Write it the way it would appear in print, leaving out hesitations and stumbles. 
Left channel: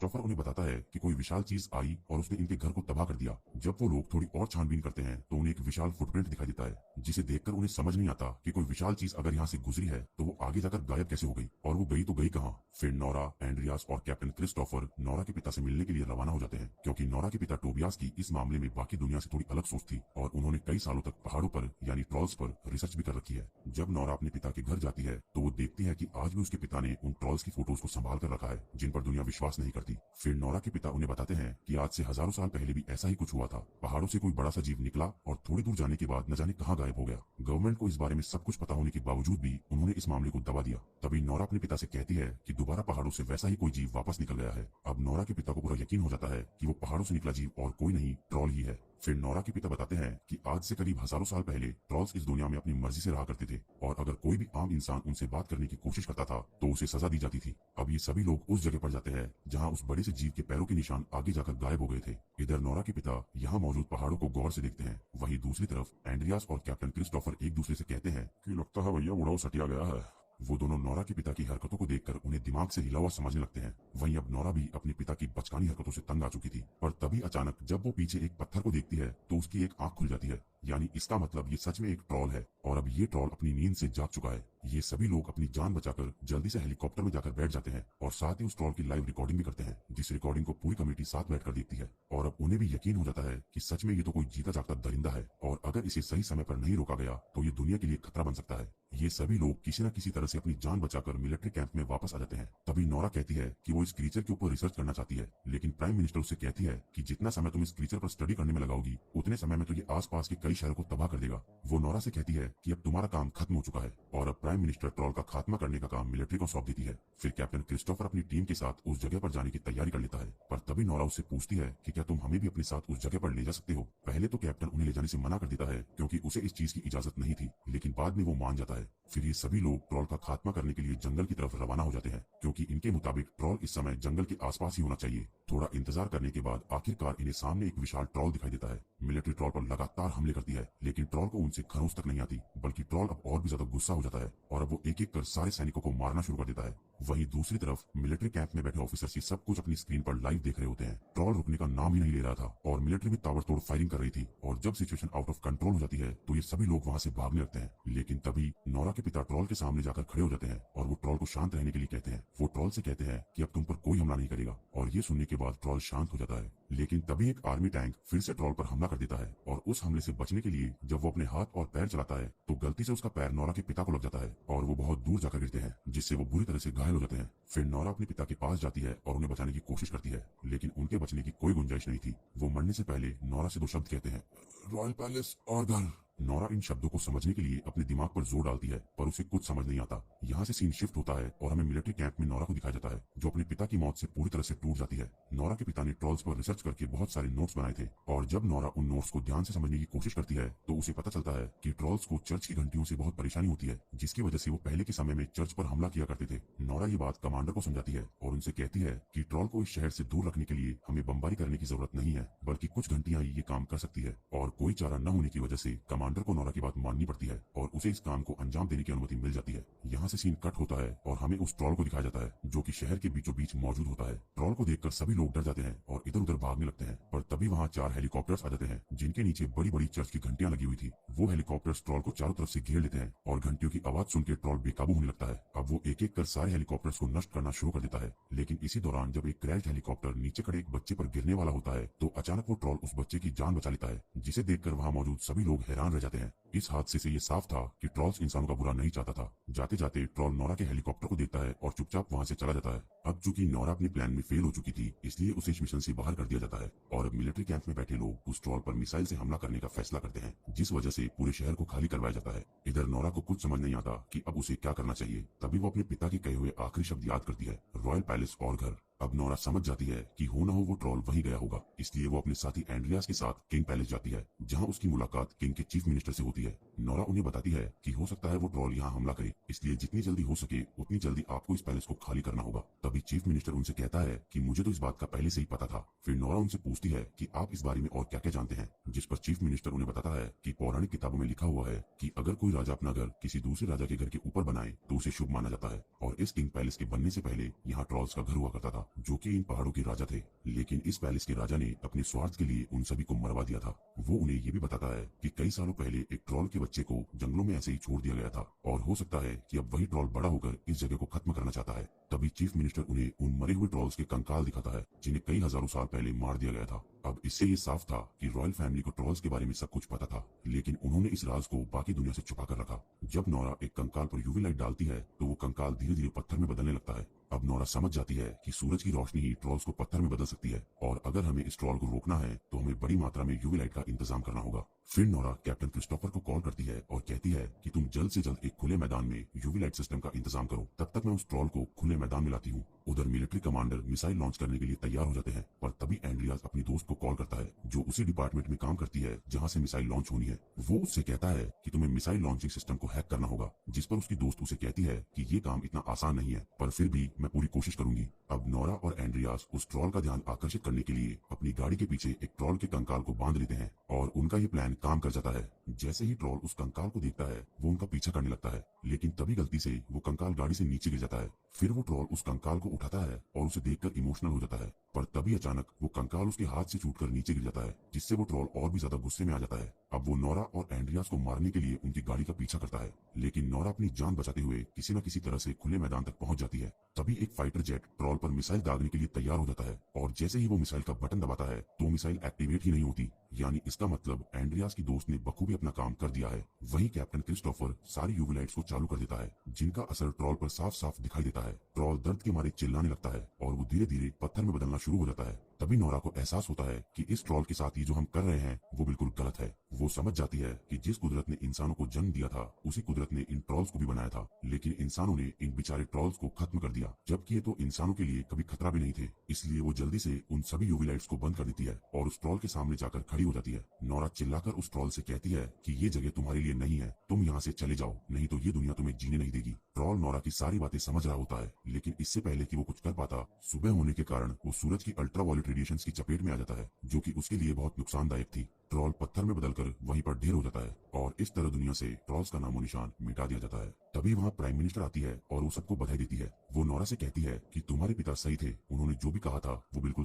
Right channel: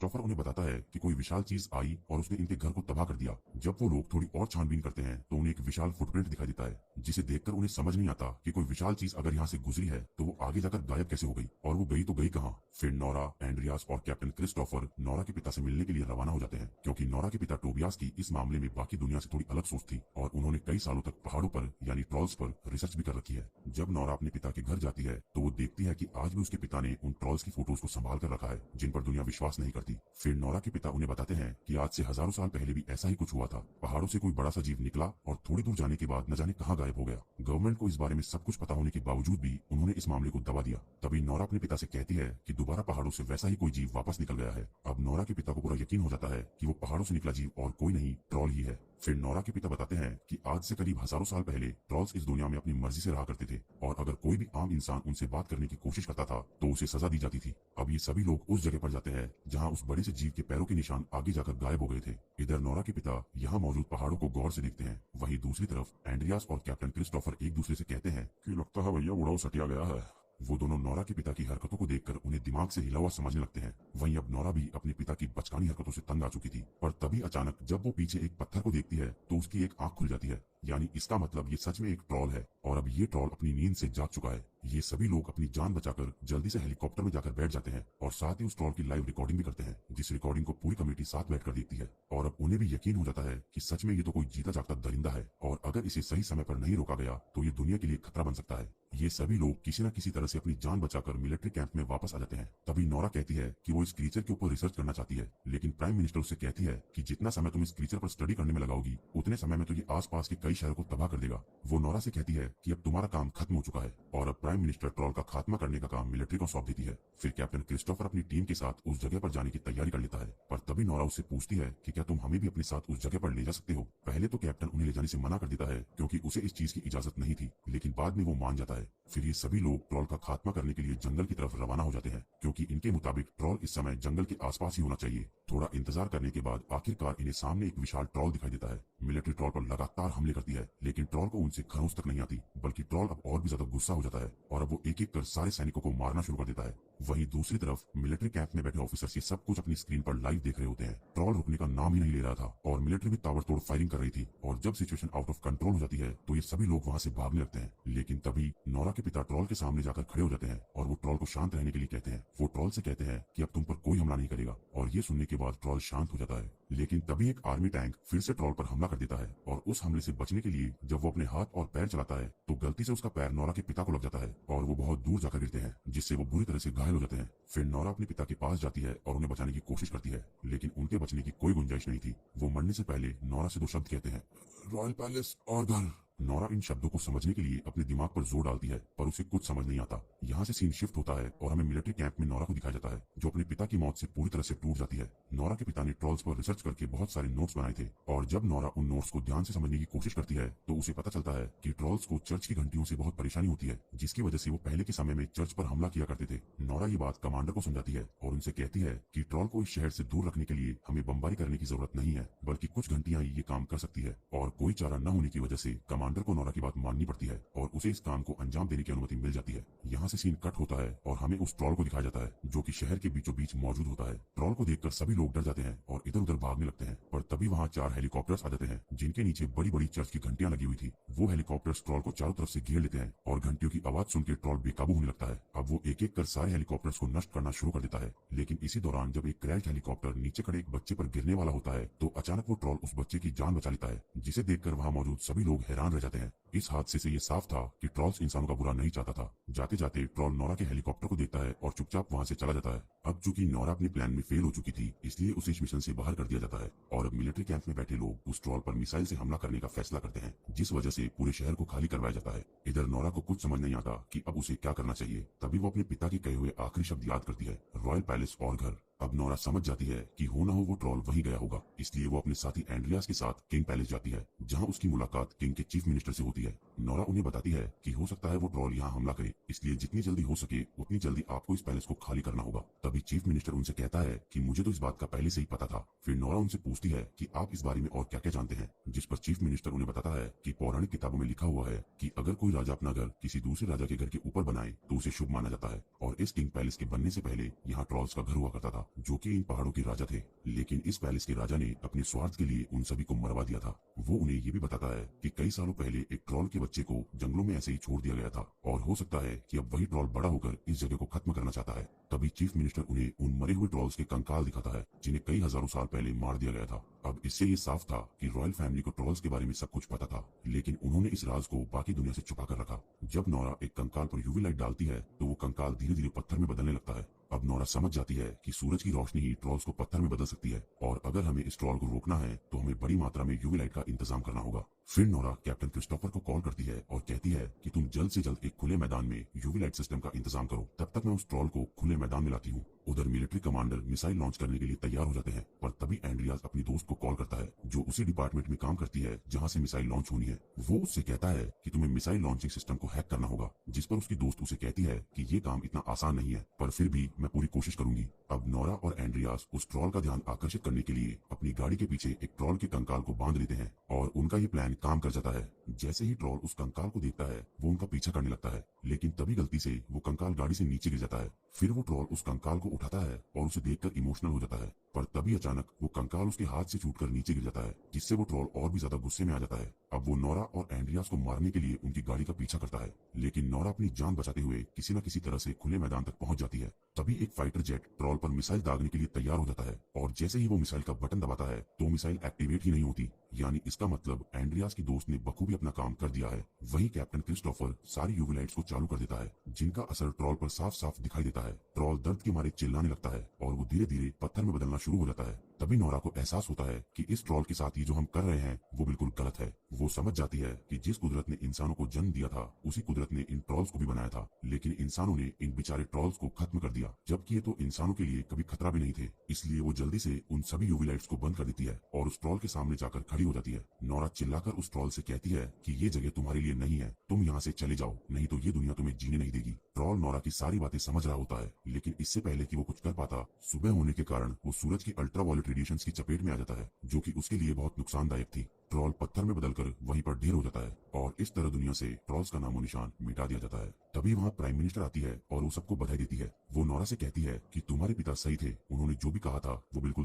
Christopher उन्हें बताता है कि कोई विशाल चीज आई और उसने इनके घर को तबाह कर दिया। जब वो लोग थोड़ी और छानबीन करते हैं तो उन्हें एक विशाल फुटप्रिंट दिखाई देता है, जिसे देखकर उन्हें समझ नहीं आता कि कोई विशाल चीज अगर यहाँ से गुजरी है तो वो आगे जाकर गायब कैसे हो गई, और वो गई तो गई कहाँ। फिर नोरा, एंड्रियास और कैप्टन क्रिस्टोफर नोरा के पिता से मिलने के लिए रवाना हो जाते हैं, क्योंकि नोरा के पिता टोबियास की इस मामले में बाकी दुनिया से थोड़ी अलग सोच थी और उन्होंने कई सालों तक पहाड़ों पर यानी ट्रॉल्स पर रिसर्च भी कर रखी है। जब नोरा अपने पिता के घर जाती है तो वो देखती है कि आज भी उसके पिता ने उन ट्रॉल्स की फोटोज को संभाल कर रखा है जिन पर दुनिया विश्वास नहीं करती। फिर नोरा के पिता उन्हें बताते हैं कि आज से हजारों साल पहले भी ऐसा ही कुछ हुआ था, पहाड़ों से कोई बड़ा सा जीव निकला और थोड़ी दूर जाने के बाद न जाने कहाँ गायब हो गया। गवर्नमेंट को इस बारे में सब कुछ पता होने के बावजूद भी उन्होंने इस मामले को दबा दिया। तभी नोरा अपने पिता से कहती है कि दोबारा पहाड़ों से वैसा ही कोई जीव वापस निकल गया है। अब नोरा के पिता को पूरा यकीन हो जाता है कि वो पहाड़ों से निकला जीव और कोई नहीं, ट्रॉल ही है। फिर नोरा के पिता बताते हैं कि आज से करीब हजारों साल पहले ट्रॉल्स इस दुनिया में अपनी मर्जी से रहा करते थे और अगर कोई भी आम इंसान उनसे बात करने की कोशिश करता था तो उसे सजा दी जाती थी। अब ये सभी लोग उस जगह पर जाते हैं जहाँ उस बड़े से जीव के पैरों के निशान आगे जाकर गायब हो गए थे। इधर नोरा के पिता यहाँ मौजूद पहाड़ों को गौर से देखते हैं, वहीं दूसरी तरफ एंड्रियास और कैप्टन क्रिस्टोफर एक दूसरे से कहते हैं कि लगता है भैया उड़ाऊ सटिया गया है। वो दोनों नोरा के पिता की हरकतों को देखकर उन्हें दिमाग से हिला हुआ समझने लगते हैं। वहीं अब नोरा भी अपने पिता की बचकानी हरकतों से तंग आ चुकी थी, पर तभी अचानक जब वो पीछे एक पत्थर को देखती है तो उसकी एक आंख खुल जाती है, यानी इसका मतलब ये सच में एक ट्रॉल है और अब ये ट्रॉल अपनी नींद से जाग चुका है। ये सभी लोग अपनी जान बचाकर जल्दी से हेलीकॉप्टर में जाकर बैठ जाते हैं और साथ ही उस ट्रॉल की लाइव रिकॉर्डिंग भी करते हैं, जिस रिकॉर्डिंग को पूरी कमेटी साथ बैठकर देखती है। और अब उन्हें भी यकीन हो जाता है कि सच में ये तो कोई जीता जागता दरिंदा है और अगर इसे सही समय पर नहीं रोका गया तो ये दुनिया के लिए खतरा बन सकता है। ये सभी लोग किसी न किसी तरह से अपनी जान बचाकर मिलिट्री कैंप में वापस आ जाते हैं। तभी नोरा कहती है कि वो इस क्रीचर के ऊपर रिसर्च करना चाहती है, लेकिन प्राइम मिनिस्टर उससे कहती है कि जितना समय तुम इस क्रीचर पर स्टडी करने में लगाओगी उतने समय में तो ये आसपास के कई शहरों को तबाह कर देगा। वो नोरा से कहती है कि अब तुम्हारा काम खत्म हो चुका है और अब प्राइम मिनिस्टर ट्रॉल का खात्मा करने का काम मिलिट्री को सौंप देती है। फिर कैप्टन क्रिस्टोफर अपनी टीम के साथ उस जगह पर जाने की तैयारी कर लेता है, पर तभी नोरा उससे पूछती है कि क्या तुम हमें भी अपने साथ उस जगह पर ले जा सकते हो। पहले तो कैप्टन उन्हें ले जाने से मना कर देता है क्योंकि उसे इस चीज की इजाजत नहीं थी, लेकिन बाद में वो मान जाता है। फिर ये सभी लोग ट्रॉल का खात्मा करने के लिए जंगल की तरफ रवाना हो जाते हैं, क्योंकि इनके मुताबिक ट्रॉल इस समय जंगल के आसपास ही होना चाहिए। थोड़ा इंतजार करने के बाद आखिरकार इन्हें सामने एक विशाल ट्रॉल दिखाई देता है। मिलिट्री ट्रॉल पर लगातार हमले करती है, लेकिन ट्रॉल को उनसे खरोंच तक नहीं आती, बल्कि ट्रॉल अब और भी ज्यादा गुस्सा हो जाता है और अब वो एक एक कर सारे सैनिकों को मारना शुरू कर देता है। वहीं दूसरी तरफ मिलिट्री कैंप में बैठे ऑफिसर्स ये सब कुछ अपनी स्क्रीन पर लाइव देख रहे होते हैं। ट्रॉल रुकने का नाम ही नहीं ले रहा था और मिलिट्री भी ताबड़तोड़ फायरिंग कर रही थी और जब सिचुएशन आउट ऑफ कंट्रोल हो जाती है तो ये सभी लोग वहाँ से भागने लगते हैं। लेकिन तभी नोरा के पिता ट्रॉल के सामने जाकर खड़े हो जाते हैं और वो ट्रॉल को शांत रहने के लिए कहते हैं। वो ट्रॉल से कहते हैं कि अब तुम पर कोई हमला नहीं करेगा और ये सुनने के बाद ट्रॉल शांत हो जाता है। लेकिन तभी एक आर्मी टैंक फिर से ट्रॉल पर हमला कर देता है और उस हमले से बचने के लिए जब वो अपने हाथ और पैर चलाता है तो गलती से उसका पैर नोरा के पिता को लग जाता है और वो बहुत दूर जाकर गिरते हैं, जिससे वो बुरी तरह से घायल हो जाते हैं। फिर नोरा अपने पिता के पास जाती है और उन्हें बचाने की कोशिश करती है, लेकिन उनके बचने की कोई गुंजाइश नहीं थी। वो मरने से पहले नोरा से दो शब्द कहते हैं, रॉयल पैलेस और घर। नोरा इन शब्दों को समझने के लिए अपने दिमाग पर जोर डालती है, पर उसे कुछ समझ नहीं आता। यहाँ से सीन शिफ्ट होता है और हमें मिलिट्री कैंप में नोरा को दिखाया जाता है, जो अपने पिता की मौत से पूरी तरह से टूट जाती है। नोरा के पिता ने ट्रॉल्स पर रिसर्च करके बहुत सारे नोट्स बनाए थे और जब नोरा उन नोट्स को ध्यान से समझने की कोशिश करती है तो उसे पता चलता है कि ट्रॉल्स को चर्च की घंटियों से बहुत परेशानी होती है, जिसकी वजह से वो पहले के समय में चर्च पर हमला किया करते थे। नोरा ये बात कमांडर को समझाती है और उनसे कहती है कि ट्रॉल को इस शहर से दूर रखने के लिए हमें बमबारी करने की जरूरत नहीं है, बल्कि कुछ घंटियां ये काम कर सकती है। और कोई चारा न होने की वजह से कमांडर को नोरा की बात माननी पड़ती है और उसे इस काम को अंजाम देने की अनुमति मिल जाती है। यहाँ से सीन कट होता है और हमें उस ट्रॉल को दिखाया जाता है जो कि शहर के बीचों बीच मौजूद होता है। ट्रॉल को देखकर सभी लोग डर जाते हैं और इधर उधर भागने लगते हैं, पर तभी वहाँ 4 हेलीकॉप्टर्स आ जाते हैं जिनके नीचे बड़ी बड़ी चर्च की घंटियां लगी हुई थी। वो हेलीकॉप्टर्स ट्रॉल को चारों तरफ से घेर लेते हैं और घंटियों की आवाज सुनकर ट्रॉल बेकाबू होने लगता है। अब वो एक एक कर सारे हेलीकॉप्टर्स को नष्ट करना शुरू कर देता है, लेकिन इसी दौरान जब एक क्रैश हेलीकॉप्टर नीचे खड़े एक बच्चे पर गिरने वाला होता है तो अचानक वो ट्रॉल उस बच्चे की जान बचा लेता है, जिसे देखकर वहाँ मौजूद सभी लोग हैरान रह जाते हैं। इस हादसे से ये साफ था कि ट्रॉल्स इंसानों का बुरा नहीं चाहता था। जाते जाते ट्रॉल नोरा के हेलीकॉप्टर को देखता है और चुपचाप वहाँ से चला जाता है। अब चूंकि नोरा अपने प्लान में फेल हो चुकी थी, इसलिए उसे इस मिशन से बाहर कर दिया जाता है और अब मिलिट्री कैंप में बैठे लोग उस ट्रॉल पर मिसाइल से हमला करने का फैसला करते हैं, जिस वजह से पूरे शहर को खाली करवाया जाता है। इधर नोरा को कुछ समझ नहीं आता कि अब उसे क्या करना चाहिए। तभी वो अपने पिता के कहे हुए आखिरी शब्द याद करती है, रॉयल पैलेस और घर। अब नोरा समझ जाती है कि हो ना हो वो ट्रॉल वहीं गया होगा, इसलिए वो अपने साथी एंड्रियास के साथ किंग पैलेस जाती है, जहां उसकी मुलाकात किंग के चीफ मिनिस्टर से होती है। नोरा उन्हें बताती है कि हो सकता है वो ट्रॉल यहाँ हमला करे, इसलिए जितनी जल्दी हो सके उतनी जल्दी आपको इस पैलेस को खाली करना होगा। तभी चीफ मिनिस्टर उनसे कहता है कि मुझे तो इस बात का पहले से ही पता था। फिर नोरा उनसे पूछती है कि आप इस बारे में और क्या क्या जानते हैं, जिस पर चीफ मिनिस्टर उन्हें बताता है कि पौराणिक किताबों में लिखा हुआ है कि अगर कोई राजा अपना घर किसी दूसरे राजा के घर के ऊपर बनाए तो उसे शुभ माना जाता है। और इस किंग पैलेस के बनने से पहले यहाँ ट्रॉल्स का घर हुआ करता था, जो कि इन पहाड़ों के राजा थे। लेकिन इस पैलेस के राजा ने अपने स्वार्थ के लिए उन सभी को मरवा दिया था। वो उन्हें ये भी बताता है कि कई सालों पहले एक ट्रॉल के बच्चे को जंगलों में ऐसे ही छोड़ दिया गया था, और हो सकता है कि अब वही ट्रॉल बड़ा होकर इस जगह को खत्म करना चाहता है। तभी चीफ मिनिस्टर उन्हें उन मरे हुए ट्रॉल्स के कंकाल दिखाता है, जिन्हें कई हजारों साल पहले मार दिया गया था। अब इससे ये साफ था कि रॉयल फैमिली को ट्रॉल्स के बारे में सब कुछ पता था, लेकिन उन्होंने इस राज को बाकी दुनिया से छुपा कर रखा। जब नोरा एक कंकाल पर यूवी लाइट डालती है तो वो कंकाल धीरे धीरे पत्थर में बदलने लगता है। अब नोरा समझ जाती है कि सूरज की रोशनी ही ट्रॉल्स को पत्थर में बदल सकती है, और अगर हमें इस ट्रॉल को रोकना है तो हमें बड़ी मात्रा में यूवी लाइट का इंतजाम करना होगा। फिर नोरा कैप्टन क्रिस्टोफर को कॉल करती है और कहती है कि तुम जल्द से जल्द एक खुले मैदान में यूवी लाइट सिस्टम का इंतजाम करो, तब तक मैं उस ट्रॉल को खुले मैदान में लाती हूँ। उधर मिलिट्री कमांडर मिसाइल लॉन्च करने के लिए तैयार हो जाते हैं, पर तभी एंड्रियास अपनी दोस्त को कॉल करता है जो उसी डिपार्टमेंट में काम करती है जहाँ से मिसाइल लॉन्च होनी है। वो उससे कहता है कि तुम्हें मिसाइल लॉन्चिंग सिस्टम को हैक करना होगा, जिस पर उसकी दोस्त उसे कहती है कि ये काम इतना आसान नहीं है, पर फिर भी मैं पूरी कोशिश करूंगी। अब नोरा और एंड्रियास उस ट्रॉल का ध्यान आकर्षित करने के लिए अपनी गाड़ी के पीछे एक ट्रॉल के कंकाल को बांध लेते हैं, और उनका ये प्लान काम कर जाता है। जैसे ही ट्रॉल उस कंकाल को देखता है वो उनका पीछा करने लगता है, लेकिन तभी गलती से वो कंकाल गाड़ी से नीचे गिर जाता है। फिर वो ट्रॉल उस कंकाल को उठाता है और उसे देखकर इमोशनल हो जाता है, पर तभी अचानक वो कंकाल उसके हाथ से छूटकर नीचे गिर जाता है, जिससे वो ट्रॉल और भी ज्यादा गुस्से में आ जाता है। अब वो नोरा और एंड्रियास को मारने के लिए उनकी गाड़ी का पीछा करता है, लेकिन नोरा अपनी जान बचाते हुए किसी न किसी तरह से खुले मैदान तक पहुंच जाती है। तभी एक फाइटर जेट ट्रॉल पर मिसाइल दागने के लिए तैयार हो जाता है, और जैसे ही वो मिसाइल का बटन दबाता है तो मिसाइल एक्टिवेट ही नहीं होती, यानी इसका मतलब एंड्रियास की दोस्त ने बखूबी अपना काम कर दिया है। वही कैप्टन क्रिस्टोफर सारी यूवी लाइट्स को चालू कर देता है, जिनका असर ट्रॉल पर साफ साफ दिखाई देता है। ट्रॉल दर्द के मारे चिल्लाने लगता है और वो धीरे धीरे पत्थर में बदलना शुरू हो जाता है। तभी नोरा को एहसास होता है कि इस ट्रॉल के साथ ये जो हम कर रहे हैं वो बिल्कुल गलत है। वो समझ जाती है कि जिस कुदरत ने इंसानों को जन्म दिया था उसी कुदरत ने इन ट्रॉल्स को भी बनाया था, लेकिन इंसानों ने इन बेचारे ट्रॉल्स को खत्म कर दिया, जबकि ये तो इंसानों के लिए कभी खतरा भी नहीं थे। इसलिए वो जल्दी से उन सभी यूवी लाइट्स को बंद कर देती है और उस ट्रॉल के सामने जाकर खड़ी हो जाती है। नोरा चिल्लाकर उस ट्रॉल से कहती है कि ये जगह तुम्हारे लिए नहीं है, तुम यहाँ से चले जाओ, नहीं तो ये दुनिया तुम्हें जीने नहीं देगी। ट्रॉल नोरा की सारी बातें समझ रहा होता है, लेकिन इससे पहले कि वो कुछ कर पाता, सुबह होने के कारण वो सूरज की अल्ट्रावायलेट रेडिएशंस की चपेट में आ जाता है, जो कि उसके लिए बहुत नुकसानदायक थी। ट्रॉल पत्थर में बदलकर वहीं पर ढेर हो जाता है, और इस तरह दुनिया से ट्रॉल्स का नामो निशान मिटा दिया जाता है। तभी वहाँ प्राइम मिनिस्टर आती है और वो सबको बधाई देती है। वो नोरा से कहती है कि तुम्हारे पिता सही थे, उन्होंने जो भी कहा था वो बिल्कुल